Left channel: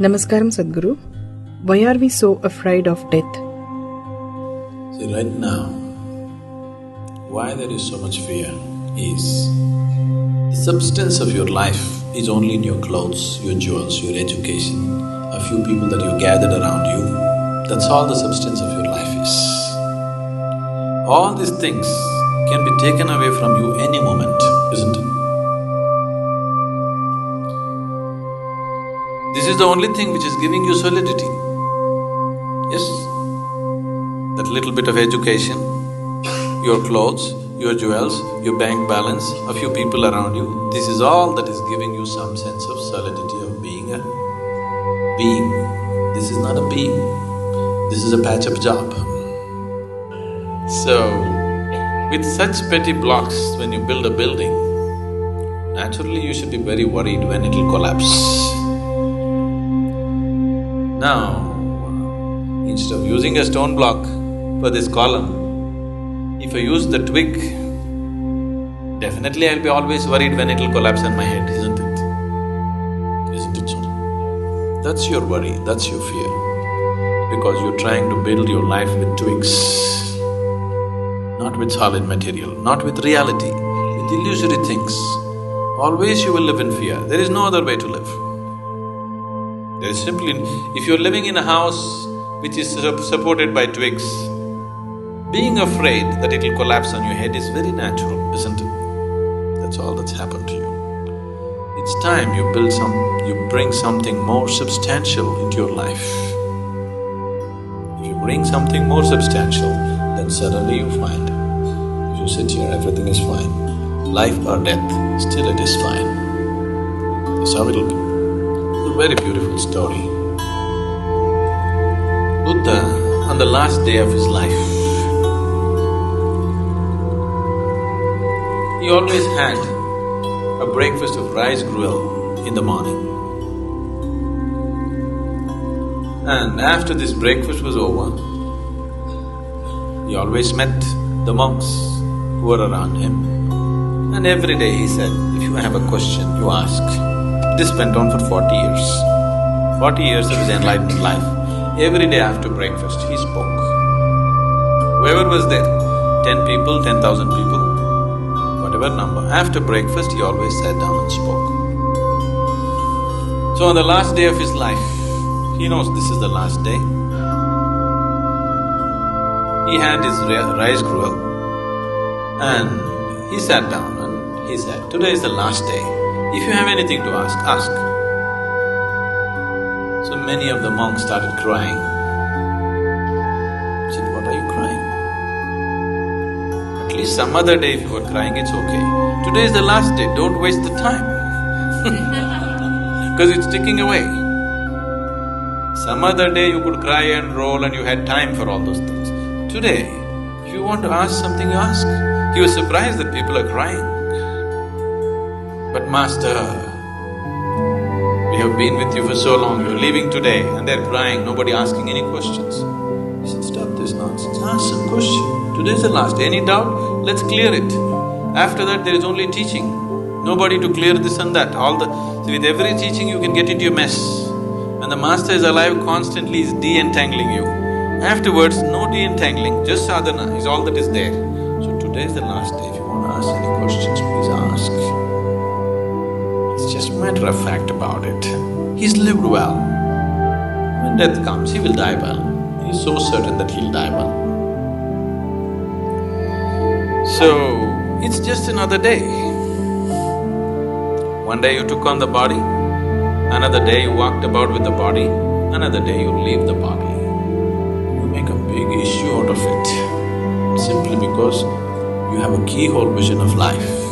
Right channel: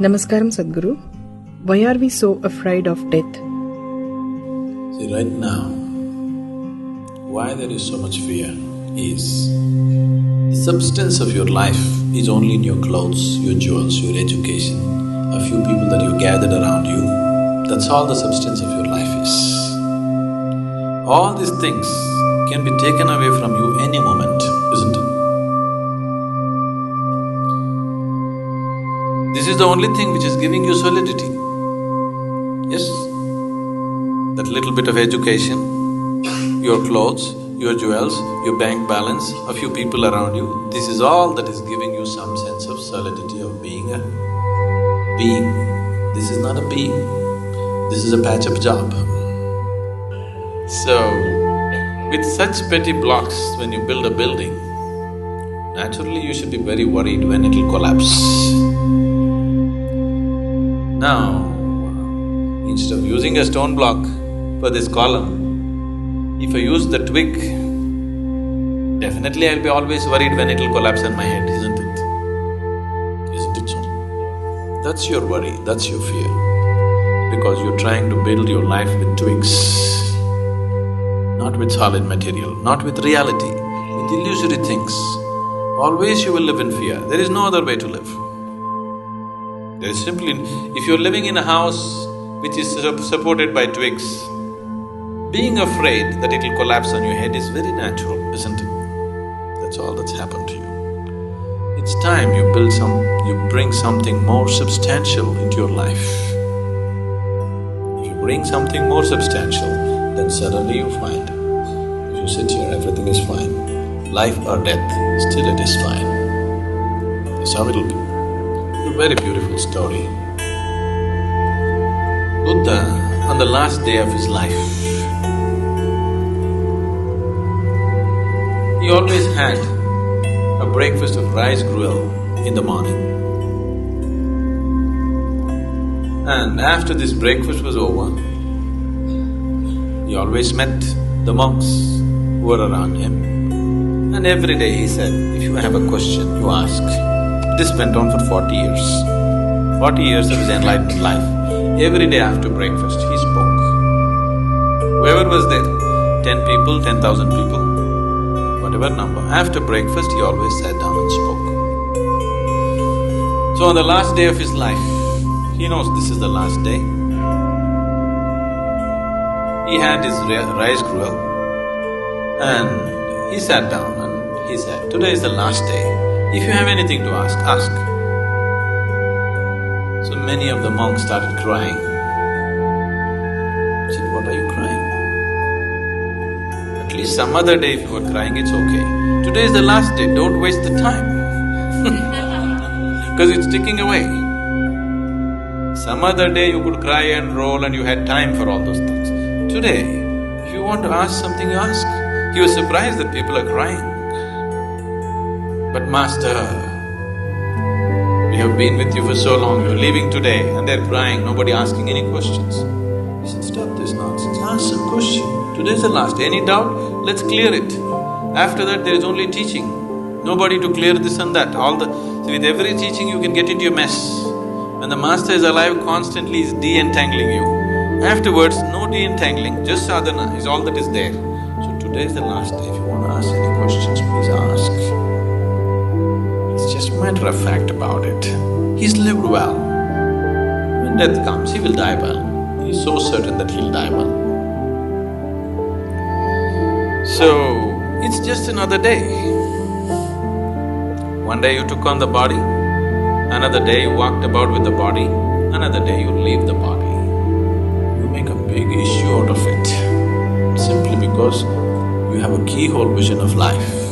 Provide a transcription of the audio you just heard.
Namaskaram Sadhguru. Why are we so afraid of death? See, right now, why there is so much fear is the substance of your life is only in your clothes, your jewels, your education, a few people that you gathered around you. That's all the substance of your life is. All these things can be taken away from you any moment, isn't it? This is the only thing which is giving you solidity. Yes, that little bit of education, your clothes, your jewels, your bank balance, a few people around you, this is all that is giving you some sense of solidity of being a being. This is not a being, this is a patch-up job. So, with such petty blocks, when you build a building, naturally you should be very worried when it'll collapse. Now, instead of using a stone block for this column, if I use the twig, definitely I'll be always worried when it'll collapse on my head, isn't it? Isn't it so? That's your worry, that's your fear, because you're trying to build your life with twigs, not with solid material, not with reality, with illusory things. Always you will live in fear, there is no other way to live. There is simply… if you're living in a house which is supported by twigs, being afraid that it'll collapse on your head is very natural, isn't it? That's all that's happened to you. It's time you bring something more substantial into your life. If you bring something more substantial, then suddenly you find, if you sit here, everything is fine. Life or death, still it is fine. That's how it'll be. A very beautiful story. Buddha, on the last day of his life, he always had a breakfast of rice gruel in the morning. And after this breakfast was over, he always met the monks who were around him. And every day he said, if you have a question, you ask. This went on for 40 years. 40 years of his enlightened life. Every day after breakfast, he spoke. Whoever was there, 10 people, 10,000 people, whatever number, after breakfast he always sat down and spoke. So on the last day of his life, he knows this is the last day. He had his rice gruel and he sat down and he said, today is the last day. If you have anything to ask, ask. So many of the monks started crying. I said, what are you crying? At least some other day if you were crying, it's okay. Today is the last day, don't waste the time because it's ticking away. Some other day you could cry and roll and you had time for all those things. Today, if you want to ask something, you ask. He was surprised that people are crying. But Master, we have been with you for so long, you're leaving today and they're crying, nobody asking any questions. He said, stop this nonsense, ask some question. Today's the last, any doubt? Let's clear it. After that there is only teaching, nobody to clear this and that, see, with every teaching you can get into a mess. And the Master is alive constantly, is de-entangling you. Afterwards, no de-entangling, just sadhana is all that is there. So today is the last day, if you want to ask any questions, please ask. It's just a matter of fact about it. He's lived well. When death comes, he will die well. He's so certain that he'll die well. So, it's just another day. One day you took on the body, another day you walked about with the body, another day you leave the body. You make a big issue out of it, simply because you have a keyhole vision of life.